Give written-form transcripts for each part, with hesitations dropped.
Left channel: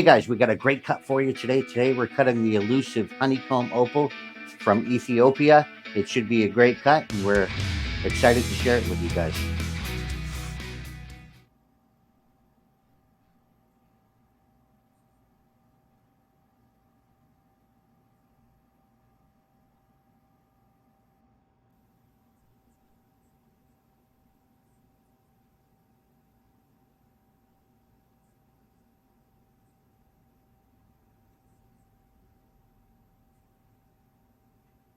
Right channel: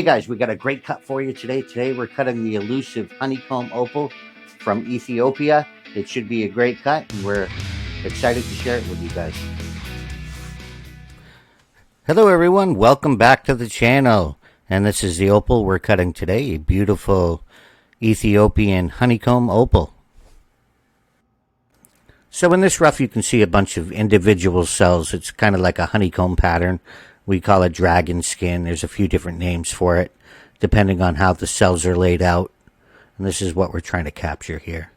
Hey guys, we got a great cut for you today. Today we're cutting the elusive Honeycomb Opal from Ethiopia. It should be a great cut, and we're excited to share it with you guys. Hello everyone, welcome back to the channel. And this is the opal we're cutting today, a beautiful Ethiopian Honeycomb Opal. So in this rough you can see a bunch of individual cells. It's kind of like a honeycomb pattern. We call it dragon skin. There's a few different names for it, depending on how the cells are laid out. And this is what we're trying to capture here.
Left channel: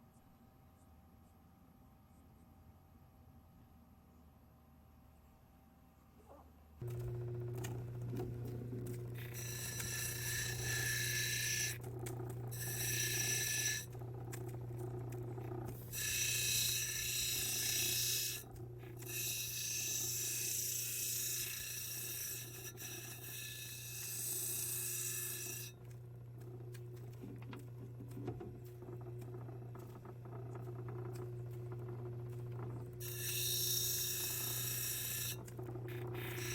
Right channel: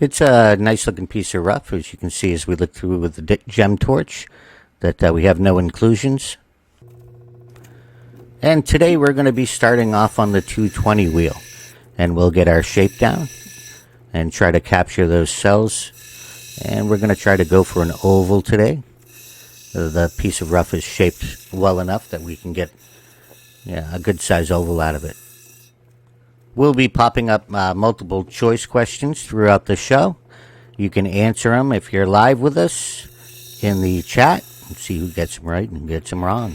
It's a nice looking piece of rough, as you can see as we look through with the gem torch, that we have no inclusions. And today we're going to be starting off on the 220 wheel. And we'll get our shape down and try to capture those cells. And we're going to try to go for an oval today. The piece of rough is shaped well enough that we can get a good size oval out of it. We'll be popping up multiple choice questions throughout the show. You can answer them if you're live with us in the chat. See who gets them right and gets them wrong.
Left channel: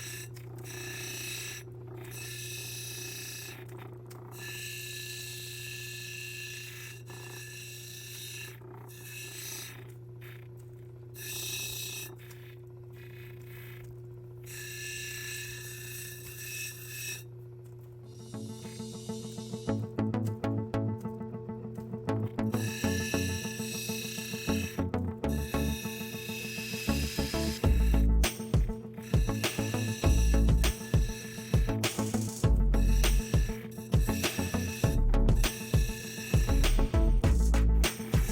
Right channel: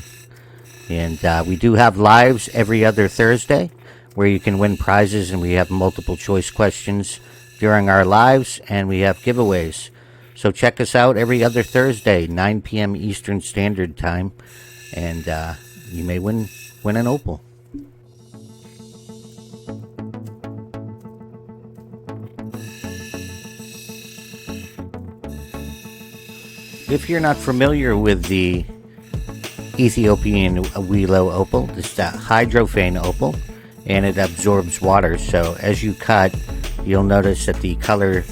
And we do have lives every other Thursday where you can win prizes, and we have multiple choice questions during our lives, and we have giveaways. So check us out every other Thursday, 9 p.m. Eastern Standard Time, and you may win an opal. If you're not familiar with the Ethiopian Wilo opal, it's a hydrophane opal, and it absorbs water. So as you cut, you'll notice that the color,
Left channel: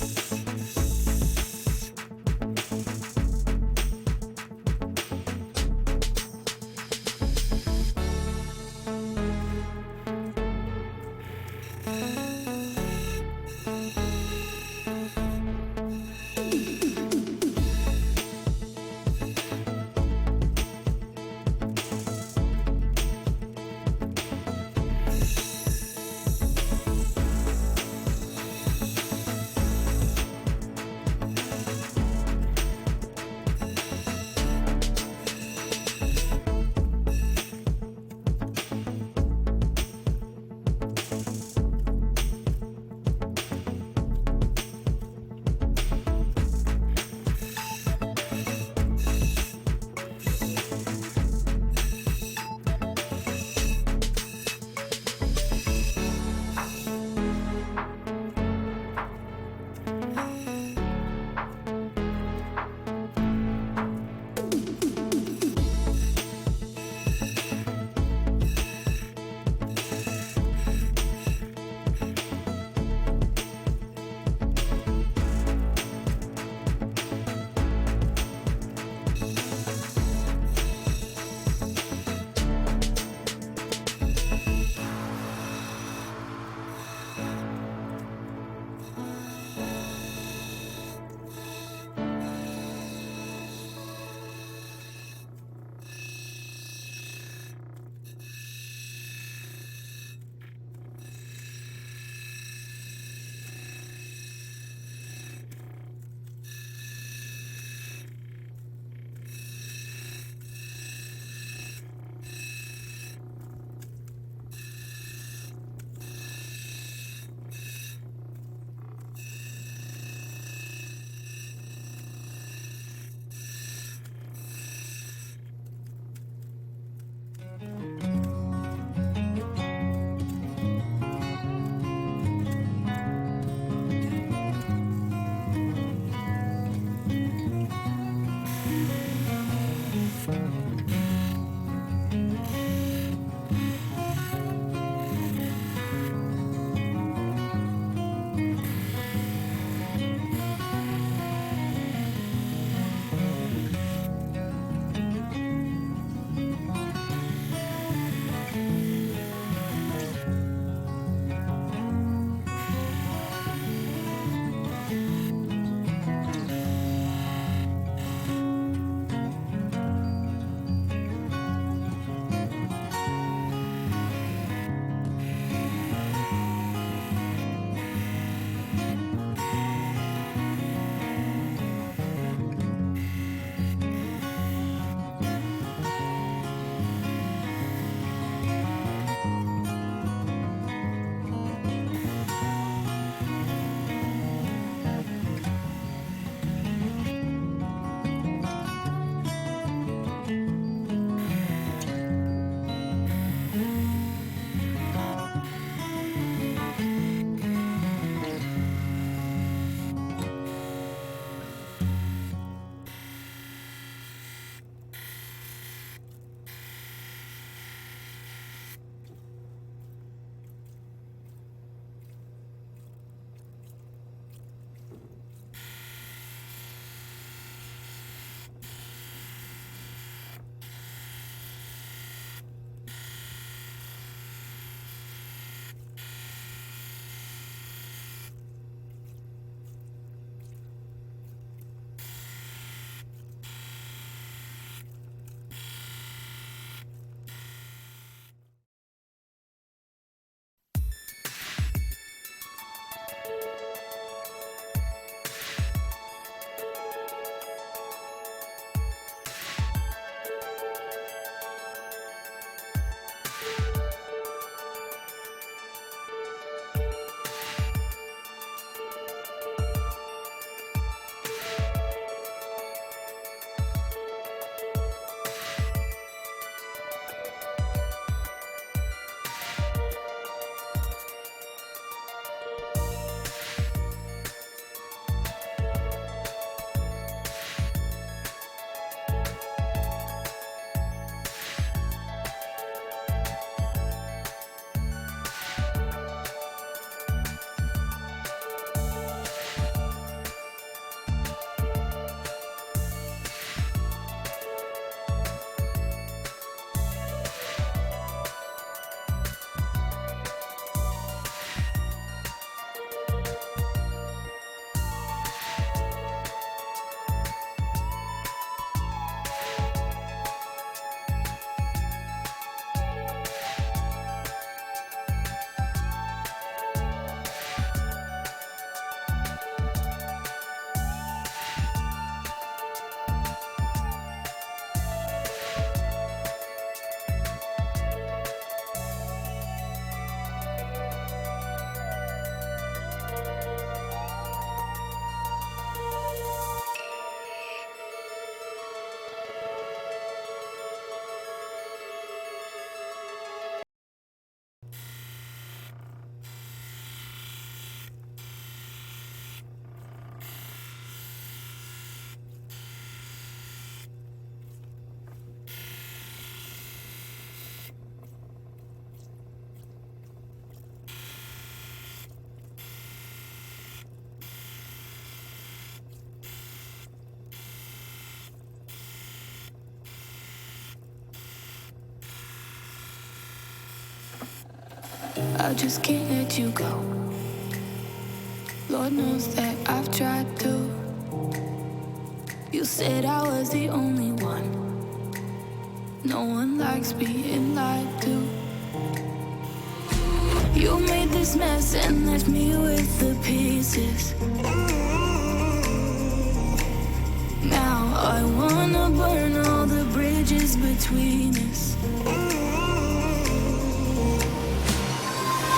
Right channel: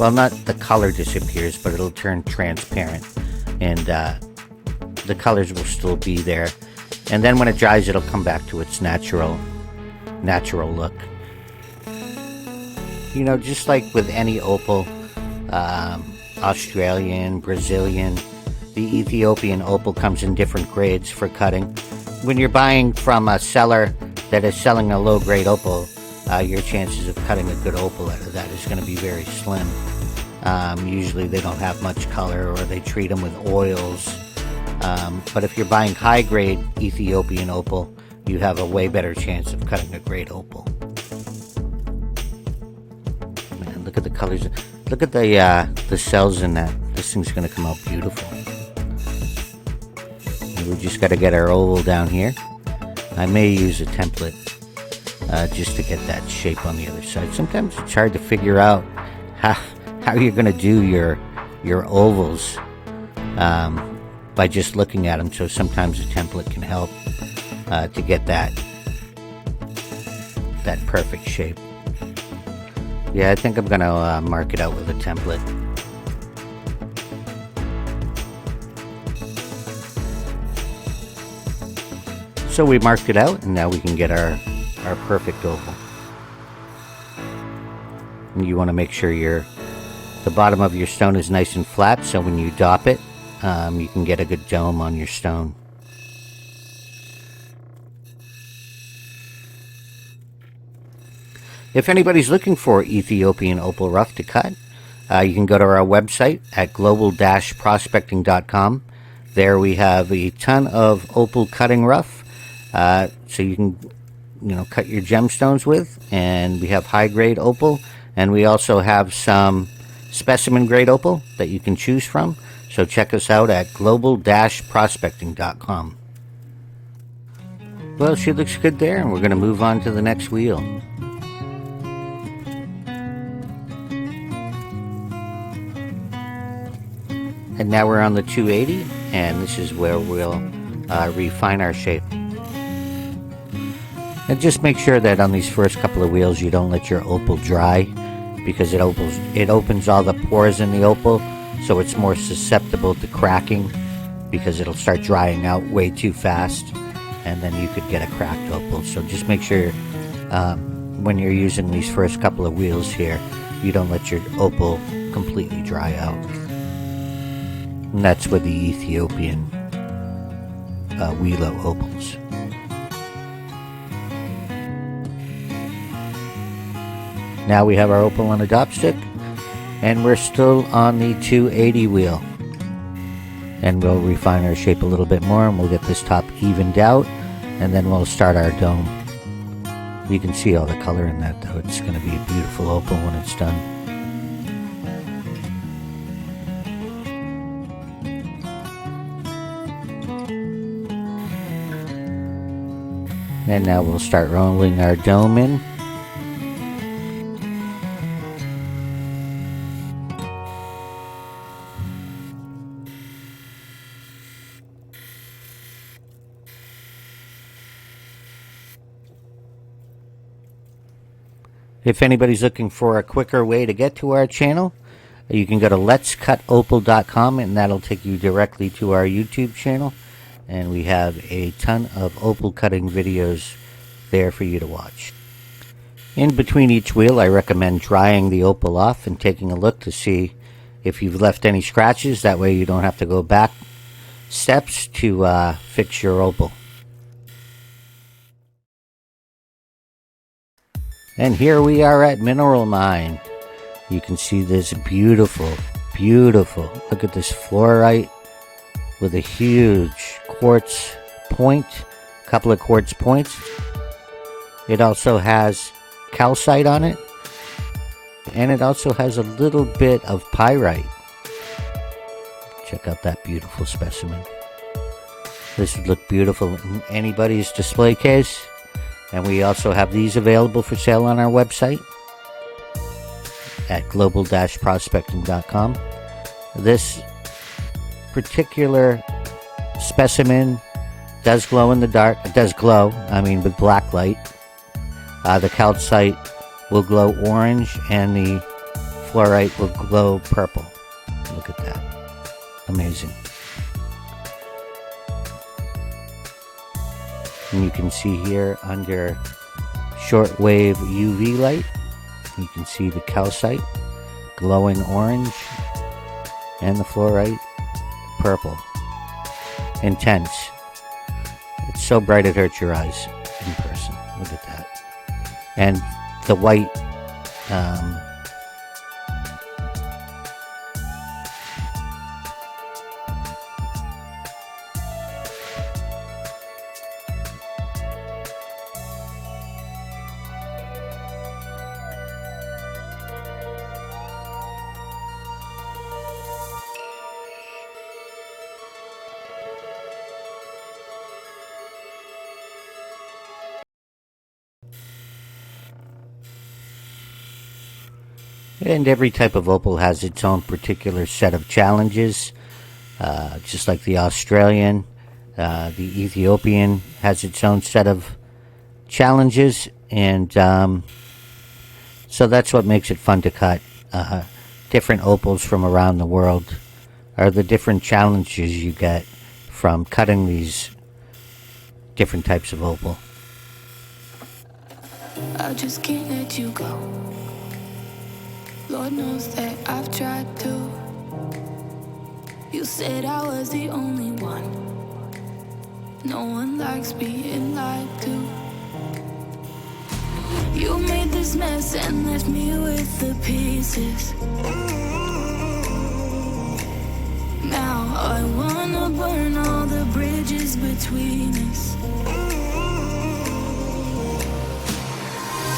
well, not the color disappears, but it'll turn transparent, and the colors will still be there. And then when it dries, it'll come back to its natural look. You know, just like with any opal, Australian, Brazilian, the Ethiopian opal comes in different grades for cutting. When you're buying from a seller that is selling a low-grade opal, your chances of cutting a good opal out of that is going to be very slim. Usually they don't have much color, or they treat them with oils. But if you're buying high-grade Ethiopian opal, you have a way better chance of cutting a great opal. Man, look at the colors. Look at the cells in that. This thing's going to come out beautiful. We just got to get our oval down here. I may use a template just to get that shape on the other side. Sometimes it's hard to figure out how you're going to do your ovals by just looking at them. So sometimes a template can help to get that perfect shape. Yeah, I think I'm going to mark it out with a template. So we marked it out, and now we can get our perfect oval. And you want to make sure the bottom of your stone is nice and flat, so when you dop it, you can get a good dome on your stone. If anybody's looking for Ethiopian opal rough to cut, you can go to our website at global-prospecting.com. There we have a ton of opal cutting rough, so you can cut your gemstones with, and we have high-grade opal, and we also have some specimen grade opal that you can choose from. So check us out at global-prospecting.com. Well, she looks good there, and we're going to move on to the next wheel. And now we're on the 280, and this is where we'll refine our shape. And just make sure that on these first couple of wheels you don't let your opal dry, because it opens all the pores in the opal, so it's more susceptible to cracking, because it'll start drying out way too fast, and then you could get a cracked opal. So just make sure when you're using these first couple of wheels here, you don't let your opal completely dry out. And that's with the Ethiopian Wilo opals. Now we have our opal on a dop stick, and we're still on the 280 wheel. And we'll refine our shape a little bit more, and we'll get this top evened out. And then we'll start our dome. You can see all the color in that though. It's going to be a beautiful opal when it's done. And now we'll start rolling our dome in. If anybody's looking for a quicker way to get to our channel, you can go to letscutopal.com and that'll take you directly to our YouTube channel. And we have a ton of opal cutting videos there for you to watch. In between each wheel, I recommend drying the opal off and taking a look to see if you've left any scratches. That way you don't have to go back steps to fix your opal. And here we are at Mineral Mine. You can see this beautiful, beautiful. Look at this fluorite with a huge quartz point, a couple of quartz points. It also has calcite on it, and it also has a little bit of pyrite. Check out that beautiful specimen. This would look beautiful in anybody's display case. And we also have these available for sale on our website at global-prospecting.com. This particular specimen does glow in the dark. It does glow, with black light. The calcite will glow orange and the fluorite will glow purple. Look at that. Amazing. And you can see here under shortwave UV light, you can see the calcite glowing orange and the fluorite purple. Intense. It's so bright it hurts your eyes in person. Look at that. And the white and every type of opal has its own particular set of challenges, just like the Australian. The Ethiopian has its own set of challenges, and so that's what makes it fun to cut. Different opals from around the world are the different challenges you get from cutting these different types of opal. I just can't let you go. Lord knows that I've tried to. You said I was the only one. No one likes being lied to. You made this mess and left me with the pieces. Now I wanna burn all the bridges between us.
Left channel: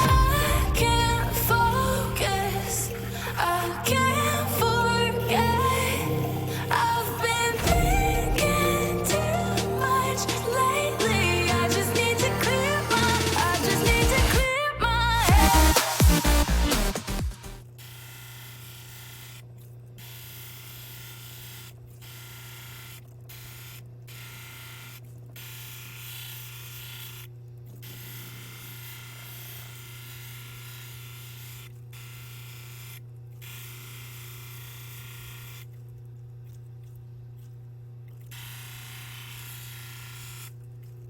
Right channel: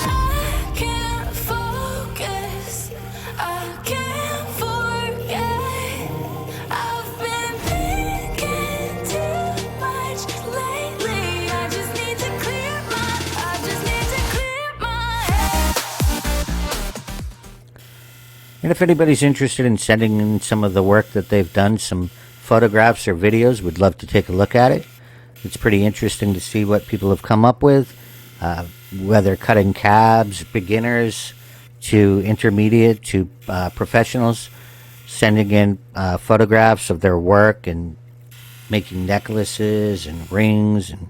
I can't focus, I can't forget. I've been thinking too much lately. I just need to clear my head. And if anybody's interested in sending in some of the work that they've done, some photographs or videos, we'd love to take a look at it. It's pretty interesting to see what people have come up with, whether cutting cabs, beginners to intermediate to professionals, sending in photographs of their work and making necklaces and rings and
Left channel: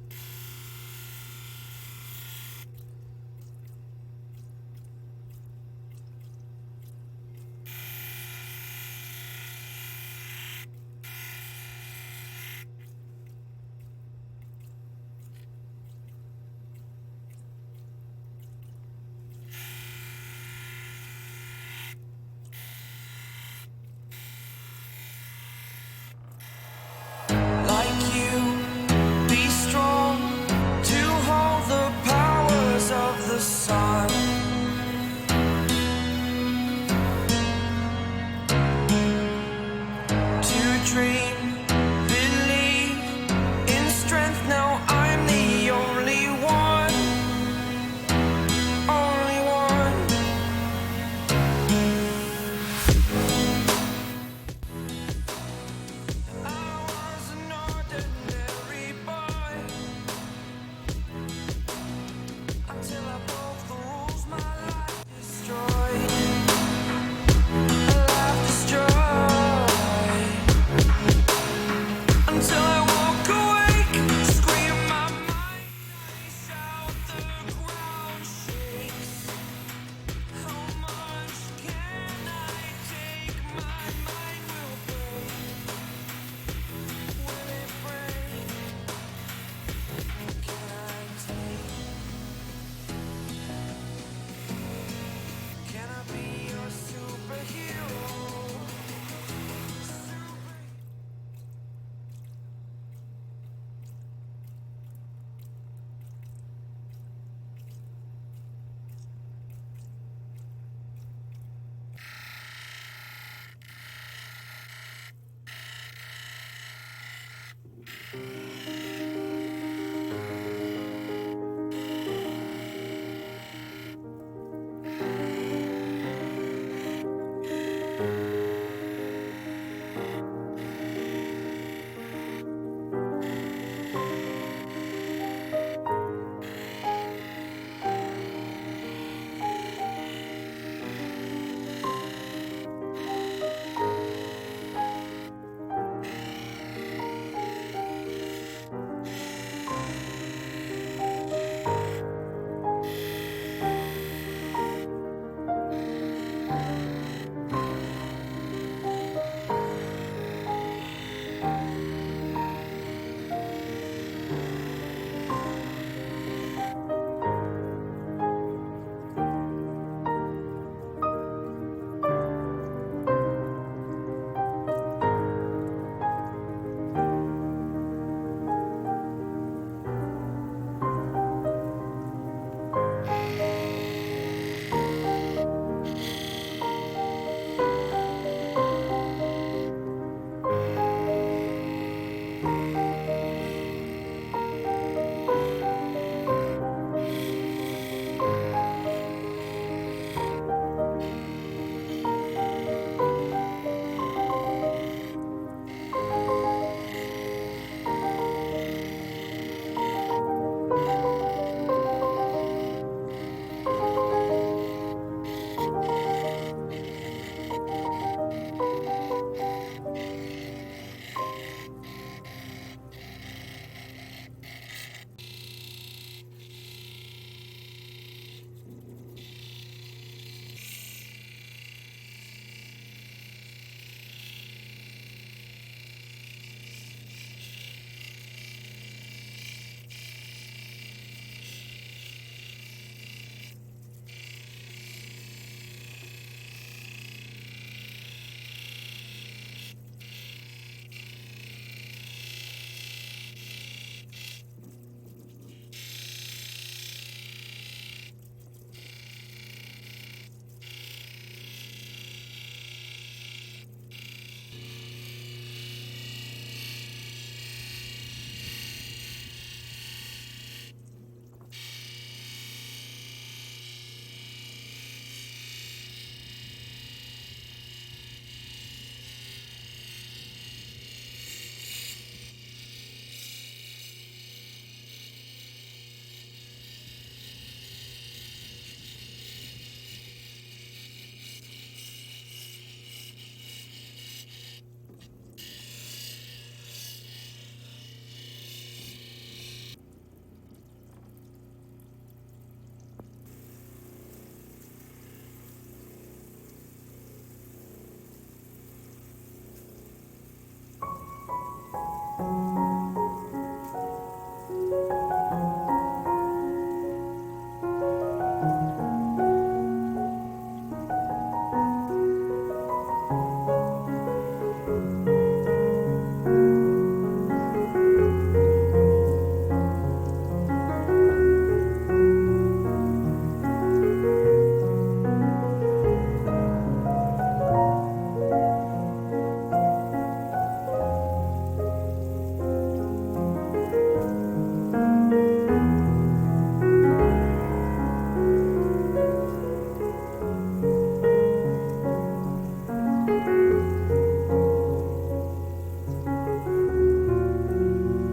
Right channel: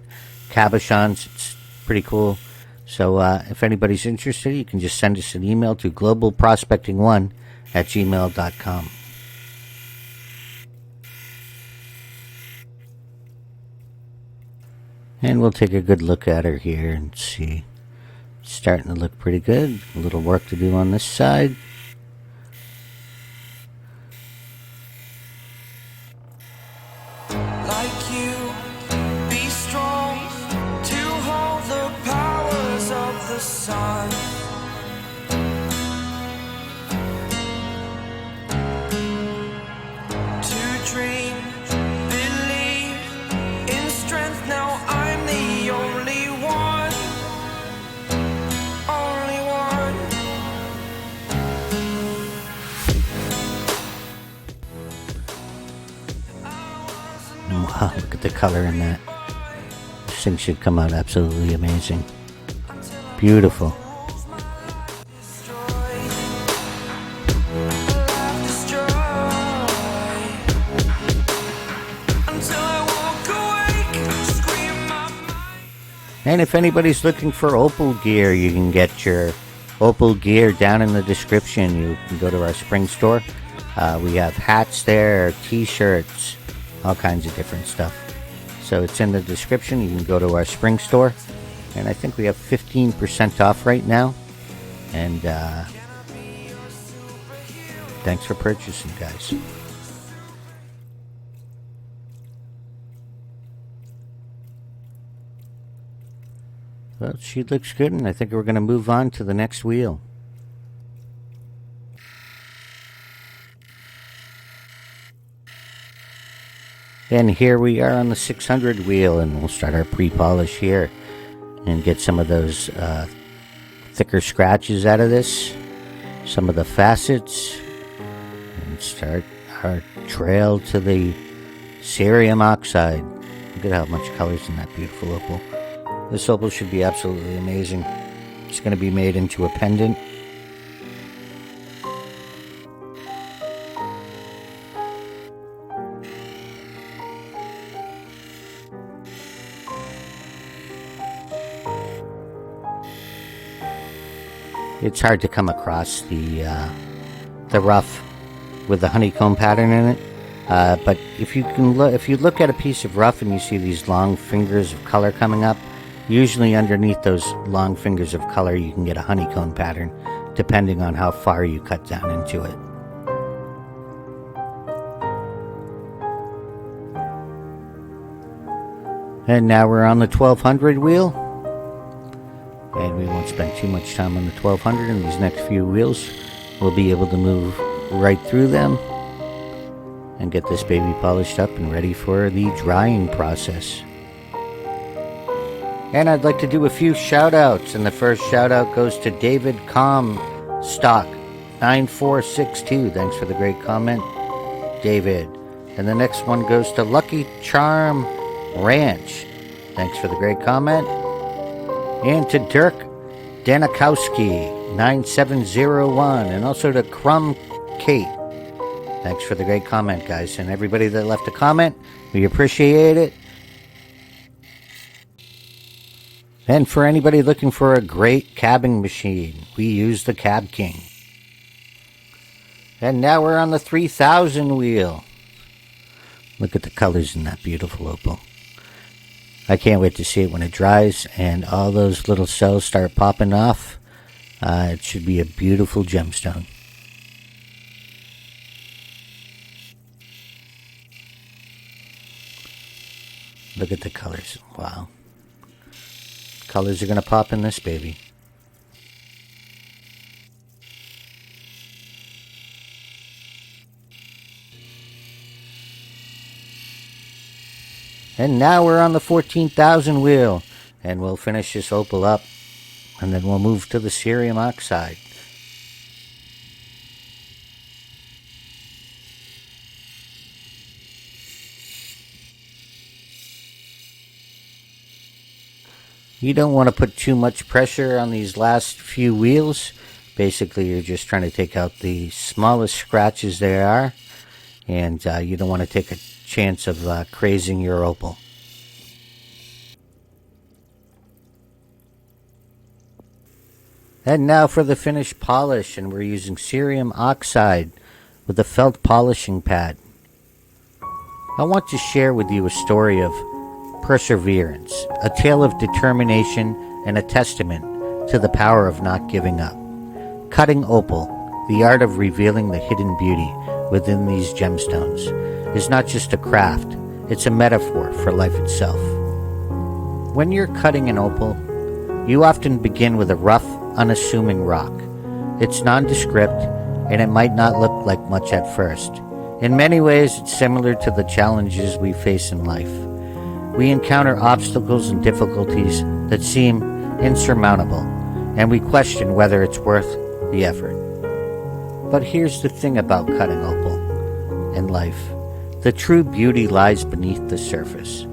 cabochons. It's pretty cool. So if anybody's interested, you can just send us an email to globalprospecting1@gmail.com. And we'll take a good look at her here and see. It's starting to look pretty good. A little work to do on this side. Like you, be strong, the sun. To dream, believe in strength. Now I'm the only one, only one. Wow, look at the color in that. This thing should come out absolutely amazing. Beautiful. And if anybody's looking for opal gear, you can get your opal gear down in the description. You can go to our spring store. We have hats there, t-shirts, all kinds of different stuff. So it's in the description. You can go to our spring store. And I think we have 15% off right now. And thanks for purchasing, guys. Well, she looks good, and I think we're going to move on to the next wheel. And here we are on the 600 wheel, and we'll start our pre-polish here and get some of those thicker scratches out of this, some of the facets, and start our trail to the cerium oxide. Look at how much color's in that beautiful opal. This opal should be absolutely amazing. It's going to be made into a pendant. It's hard to come across the rough with the honeycomb pattern in it. But if you look at a piece of rough and you see these long fingers of color coming up, usually underneath those long fingers of color you can get a honeycomb pattern, depending on how far you cut down into it. And now we're on the 1200 wheel. And we won't spend too much time on the 1200. In these next few wheels, we'll be able to move right through them and get this baby polished up and ready for the drying process. And I'd like to do a few shout outs, and the first shout out goes to David Comstock 9462. Thanks for the great comment, David. And the next one goes to Lucky Charm Ranch. Thanks for the great comment. And to Dirk Danikowski 9701, and also to Crumb Kate. Thanks for the great comment, guys, and everybody that left a comment, we appreciate it. And for anybody looking for a great cabbing machine, we use the Cab King. And now we're on the 3000 wheel. Look at the colors in that beautiful opal. I can't wait to see it when it dries and all those little cells start popping off. It should be a beautiful gemstone. Look at the colors. Wow. Colors are going to pop in this baby. And now we're on the 14,000 wheel, and we'll finish this opal up, and then we'll move to the cerium oxide. You don't want to put too much pressure on these last few wheels. Basically, you're just trying to take out the smallest scratches there are, and you don't want to take a chance of crazing your opal. And now for the finished polish, and we're using cerium oxide with a felt polishing pad. I want to share with you a story of perseverance, a tale of determination, and a testament to the power of not giving up. Cutting opal, the art of revealing the hidden beauty within these gemstones, is not just a craft, it's a metaphor for life itself. When you're cutting an opal, You often begin with a rough, unassuming rock. It's nondescript, and it might not look like much at first. In many ways, it's similar to the challenges we face in life. We encounter obstacles and difficulties that seem insurmountable, and we question whether it's worth the effort. But here's the thing about cutting opal in life. The true beauty lies beneath the surface.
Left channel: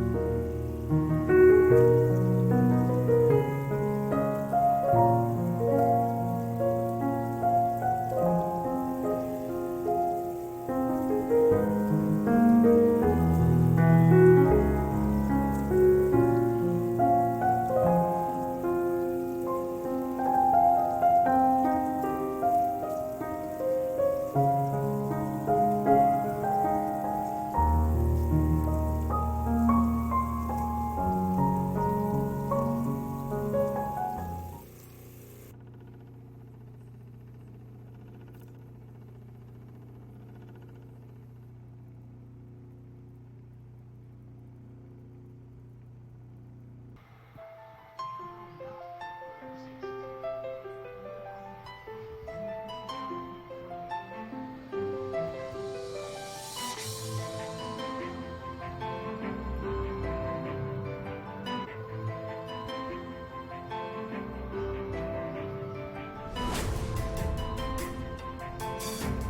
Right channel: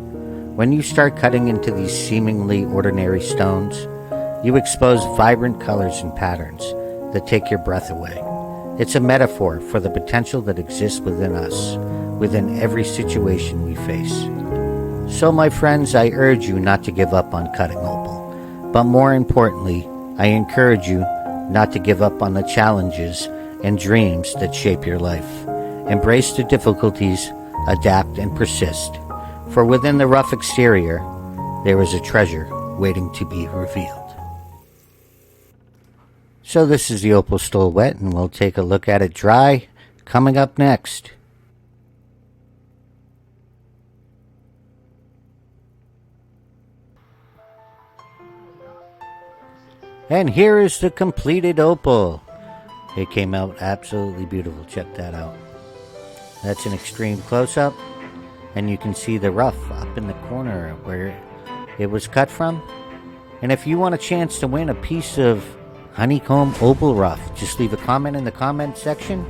When you start cutting into these seemingly ordinary stones, you expose vibrant colors and patterns that take your breath away. It's a metaphor for the potential that exists within us, within every situation we face. So, my friends, I urge you not to give up on cutting opal, but more importantly, I encourage you not to give up on the challenges and dreams that shape your life. Embrace the difficulties, adapt, and persist, for within the rough exterior, there is a treasure waiting to be revealed. So this is the opal still wet, and we'll take a look at it dry coming up next. And here is the completed opal. It came out absolutely beautiful. Check that out. That's an extreme close-up, and you can see the rough up in the corner where it was cut from. And if you want a chance to win a piece of Honeycomb Opal Rough, just leave a comment in the comment section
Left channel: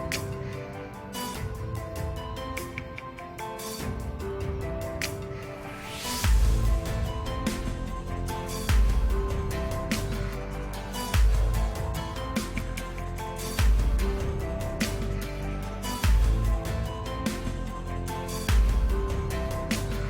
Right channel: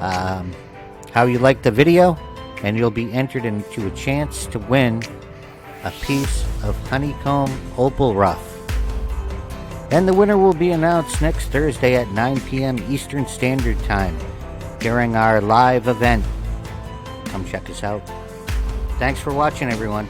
how you liked the video, and you'll be entered into a chance to win a piece of Honeycomb Opal Rough. And the winner will be announced next Thursday at 9 p.m. Eastern Standard Time during our live event. Come check us out. Thanks for watching, everyone.